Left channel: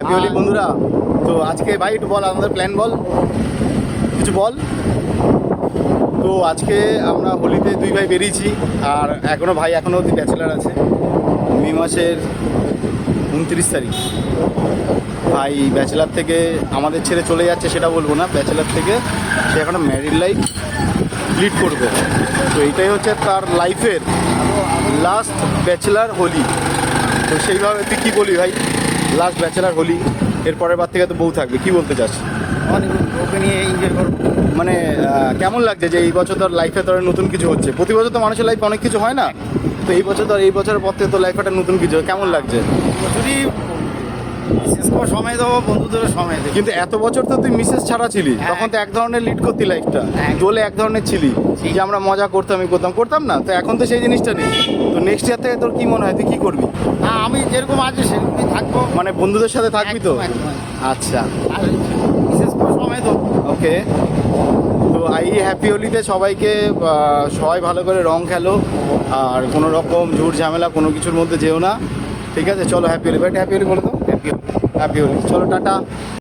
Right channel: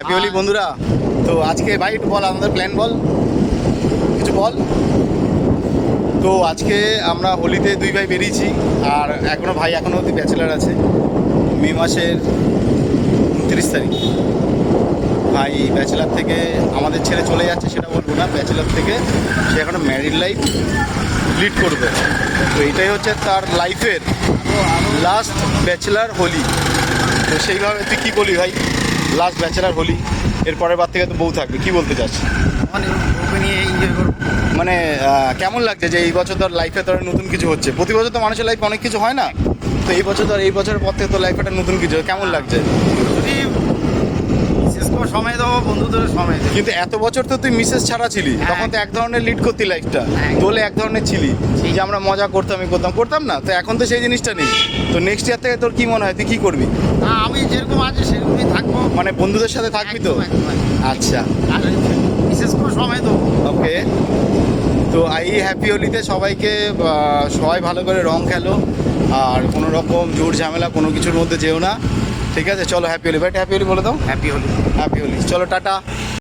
Happy Holi বন্ধুরা। তো আজকে ভাই একটু বল, আমাদের প্ল্যান বল, কিছু বল। তো আজকে আমরা হোলিতে দুই ভাই বেরিয়েছি, আর ভাই এখনও অবধি ব্যাচেলার আছে। মে মাসের 29 তারিখ ভাই ব্যাচেলার থেকে আমাদের ছেড়ে চলে যাচ্ছে, সেটা বলবো না, ব্যাচেলার থেকে সে এখনও ম্যারিড লাইফ লিড করবে। তো এইটাই হচ্ছে তার লাইফের লাস্ট ব্যাচেলার হোলি। তো সেইভাবে তুই কী বলি ভাই, লাস্ট ব্যাচেলার হোলি, এর পরের বার থেকে তো বউ থাকবে, কি বলতে চাচ্ছি? ওকে নিয়ে এনজয় করবো। মানে কেমন লাগছে যে এই বছর তোর লাইফে তোর নতুন কিছু হচ্ছে? প্রতি বছর তো মানুষের লাইফে অনেক কিছু হয় না, তো এই বছর তোর, এই বছরের পর থেকে তোর লাইফে একটা নতুন কিছু, কেমন লাগছে? যদি শেষ করে সময় দেবো, বন্ধুদের সময় দেবো। কিন্তু এত বছর তো তুই মিসেস ছাড়া ছিলি, হ্যাঁ। তখন তো এক ধরনের লিড করতি লাইফটা, হ্যাঁ। দোলে এক ধরনের ছিলি, যে আমরা মজা করতাম, করতাম না, তো এখন তো সেই জিনিসটা নেই। তো নেক্সট ইয়ার থেকে তোর কি মনে হয়, তুই কি করবি? না, আমি যেরকম আছি সেরকমই থাকবো। মানে বন্ধুদের সাথে থাকবি তো? একদম, একদম, একদম। আচ্ছা, আর বিশেষ করে সময় দেবো। ওকে। তো এই হ্যাপি হোলিতে সবাইকে সবাই ভালো করে রং খেলো, আর কোনো রকম ঝুট ঝামেলা কোনো কিছুর মধ্যে যেও না, ঠিক আছে? চলো happy Holi, but happy Holi বলে দাও। হ্যাপি হলি। হ্যাপি হোলি, চলো টাটা।